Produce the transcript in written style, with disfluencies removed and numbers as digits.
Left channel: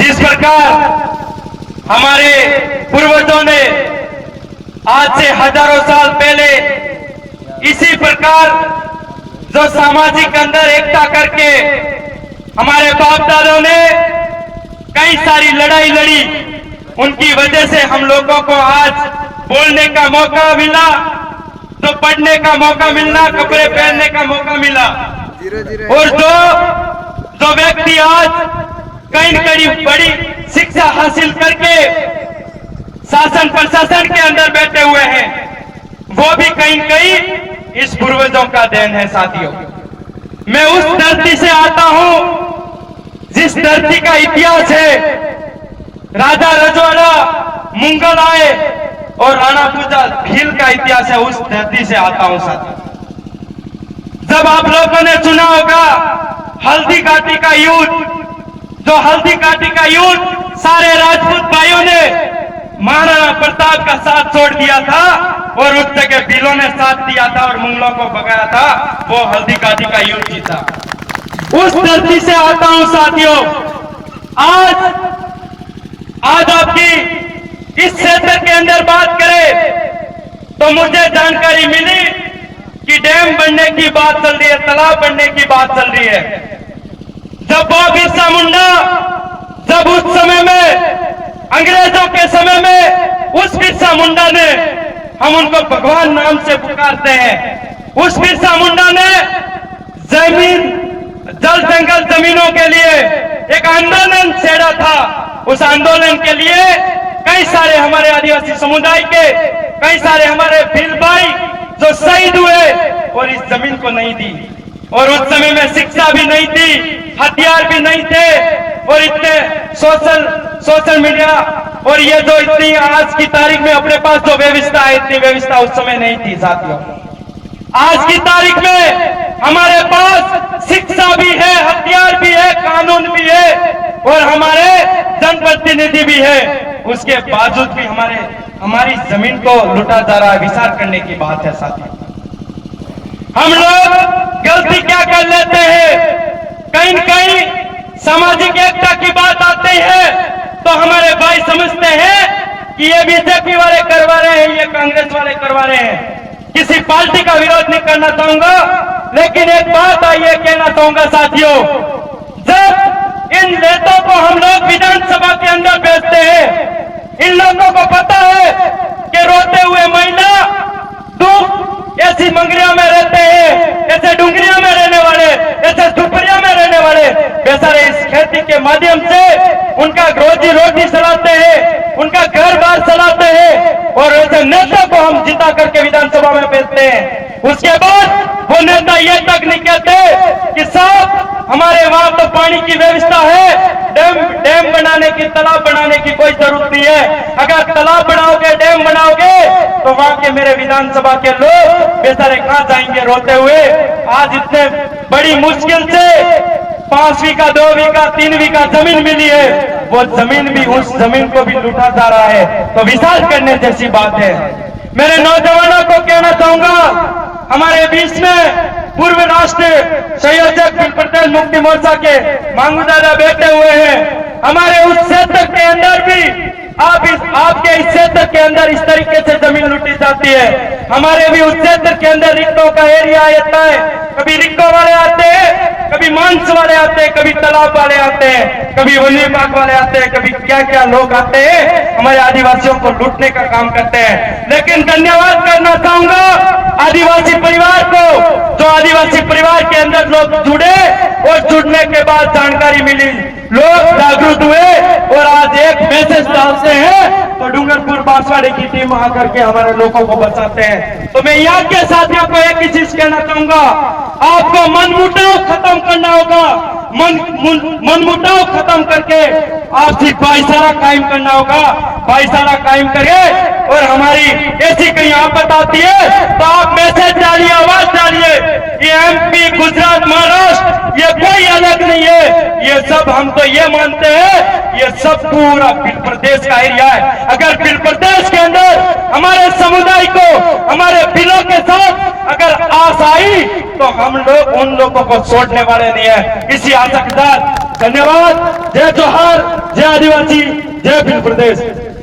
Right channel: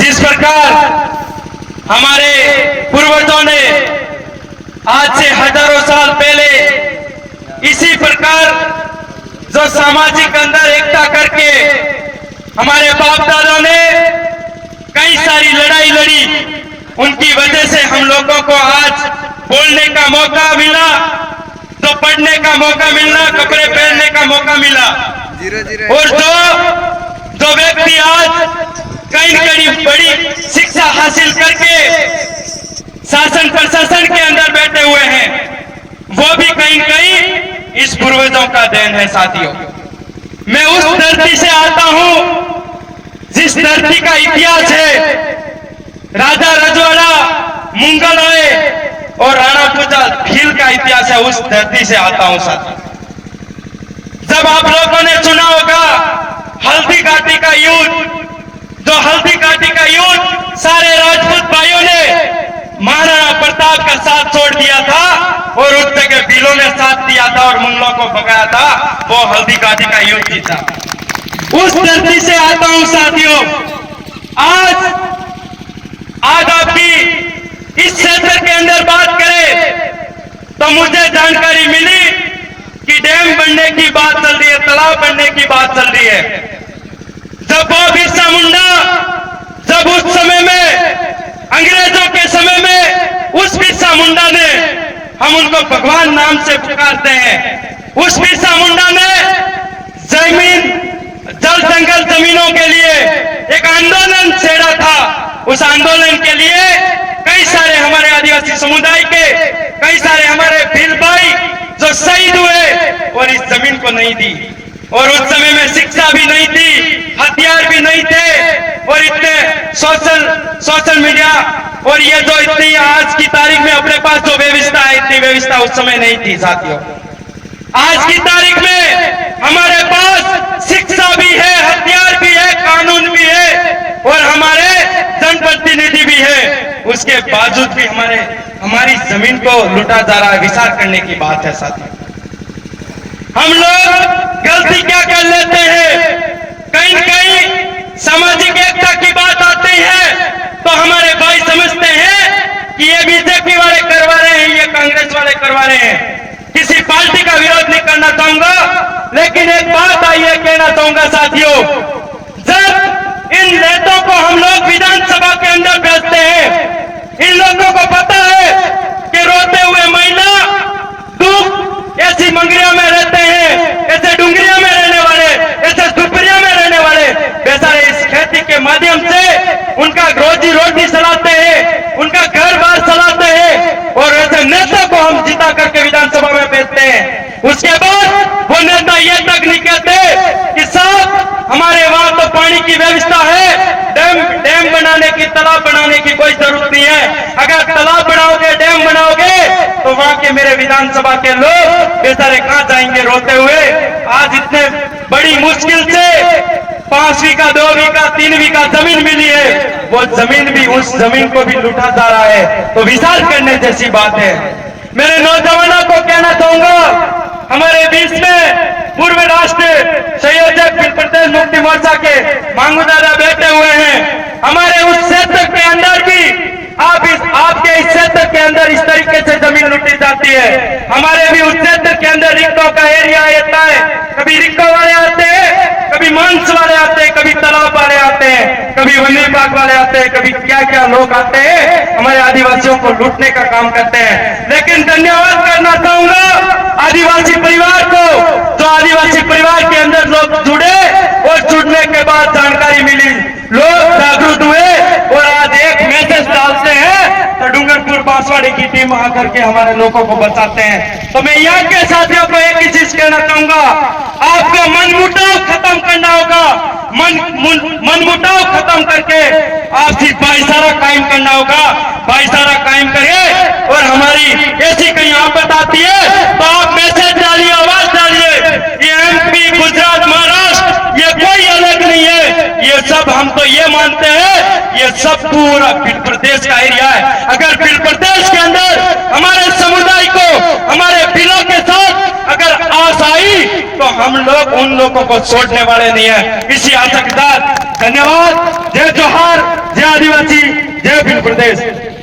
जिस प्रकार हमारे पूर्वजों ने आज से हजारों साल पहले इसी प्रकार जो सामाजिक अंदर एकता करके हमारे बाप दादों ने कई सारी लड़ाई लड़ी, उनकी वजह से हम लोगों को आज बोलने का मौका मिला, तो पढ़ने का मौका मिला, कपड़े पहनने का मौका मिला। और जो व्यक्ति आज कहीं न कहीं बड़ी शिक्षा हासिल करके शासन प्रशासन के अंदर बैठे हुए हैं, वो भी कहीं न कहीं इस पूर्वजों का देन है। साथियों, मैं उस धरती से आता हूं जिस धरती का इतिहास है, राजा रजवाड़ा मुगल आए और राणा प्रजा भील का इतिहास है, उस धरती से आता हूं। साथियों, जब आप लोगों ने सुना होगा हल्दी घाटी का युद्ध, जो हल्दी घाटी का युद्ध सारे राजपूत भाइयों ने महाराणा प्रताप का साथ छोड़ दिया था और उस जगह भीलों ने साथ दिया था और मुगलों को भगाया था, वो हल्दी घाटी का युद्ध जीता। उस धरती से आता हूं। साथियों, आज आपकी इस क्षेत्र के अंदर बात करें तो मुझे जानकारी मिली कि डैम बनने की बात चल रही है, तालाब बनने की बात चल रही है। जब बिरसा मुंडा, जब उस समय में अंग्रेजों के समय में उस बिरसा मुंडा ने, हम उनको भगवान नाम से पुकारते हैं, उस बिरसा मुंडा ने जमीन, जल जंगल जमीनों के लिए एक आंदोलन छेड़ा था। उस आंदोलन के लिए कई सारे हमारे आदिवासी समुदाय के, कई सारे हमारे भील भाई जो शहीद हुए और इस जमीन को नहीं दी। और उस समय में शिक्षा भी नहीं थी, हथियार भी नहीं थे, और इतने सोशल मीडिया और ये जो इतनी आज की तारीख में अपने पास जो व्यवस्था है, इतनी व्यवस्था उस समय नहीं थी। साथियों, आज की तारीख में हमारे पास शिक्षा भी है, हथियार भी है, कानून भी है और हमारे जनप्रतिनिधि भी है। उसके बावजूद भी हमारी जमीन को लूटा जा रहा, विचार करने की बात है। साथियों, हम लोग गलती क्या कर लेते हैं, कहीं न कहीं सामाजिक एकता की बात आती है तो हमारे भाई समझते हैं कि ये बीजेपी वाले करवा रहे हैं, ये कांग्रेस वाले करवा रहे हैं। किसी पार्टी का विरोध नहीं करना चाहूंगा, लेकिन एक बात आइए कहना चाहूंगा। साथियों, जब इन नेताओं को हम लोग विधानसभा के अंदर भेजते हैं, इन लोगों को पता है कि रोते हुए महिला दुख ऐसी मंगरिया में रहते हैं, ऐसे डुंगरिया में रहने वाले, ऐसे दुपरिया में रहने वाले बेचारे इस खेती के माध्यम से उनका रोजी रोटी चलाते हैं, उनका घर बार चलाते हैं, और ऐसे नेता को हम जिता करके विधानसभा में भेजते हैं। उसके बाद वो नेता ये तक नहीं कहते कि साहब हमारे वहां तो पानी की व्यवस्था है, डैम बनाने की, तालाब बनाने की कोई जरूरत नहीं है। अगर तालाब बनाओगे, डैम बनाओगे तो वहां के मेरे विधानसभा के लोग बेचारे कहां जाएंगे रोते हुए। आज इतने बड़ी मुश्किल से 5 बीघा, 2 बीघा, 3 बीघा जमीन मिली है, वो जमीन भी, उस जमीन को भी लूटा जा रहा है, तो विचार करने जैसी बात है। मेरे नौजवानों को कहना चाहूंगा, हमारे बीच में पूर्व राष्ट्रीय संयोजक भील प्रदेश मुक्ति मोर्चा के मांगू दादा बैठे हुए हैं। हमारे उस क्षेत्र के अंदर भी आपके इस क्षेत्र के अंदर इस तरीके से जमीन लूटी जाती है। हमारे भी उस क्षेत्र के अंदर रिक्को का एरिया आता है, कभी रिक्को वाले आते हैं, कभी मांस वाले आते हैं, कभी तालाब वाले आते हैं, कभी वन विभाग वाले आते हैं, कभी क्या क्या लोग आते हैं, हमारे आदिवासियों को लूटने का काम करते हैं। लेकिन धन्यवाद करना चाहूंगा आदिवासी परिवार को, जो आदिवासी परिवार के अंदर लोग जुड़े और जुड़ने के बाद जानकारी मिली, लोग जागरूक हुए और आज एक मैसेज डालते हैं तो डूंगरपुर बांसवाड़ी की टीम आकर के हमारे लोगों को बचाते हैं। तो मैं यहाँ के साथियों को एक ही चीज कहना चाहूंगा, आपको मनमुटाव खत्म करना होगा, मनमुटाव खत्म करके आपसी भाईचारा कायम करना होगा। भाईचारा कायम करिए और हमारी ऐसी कहीं आपत आती है तो आप मैसेज डालिए, आवाज डालिए। ये एमपी, गुजरात, महाराष्ट्र ये कोई अलग नहीं है, ये सब हम तो ये मानते हैं ये सब पूरा भील प्रदेश का एरिया है। अगर भील प्रदेश के अंदर हमारे समुदाय को, हमारे भीलों के साथ अगर आस आई तो हम लोग उन लोगों को छोड़ने वाले नहीं है। इसी आशा के साथ धन्यवाद। जय जोहार, जय आदिवासी जय भील प्रदेश।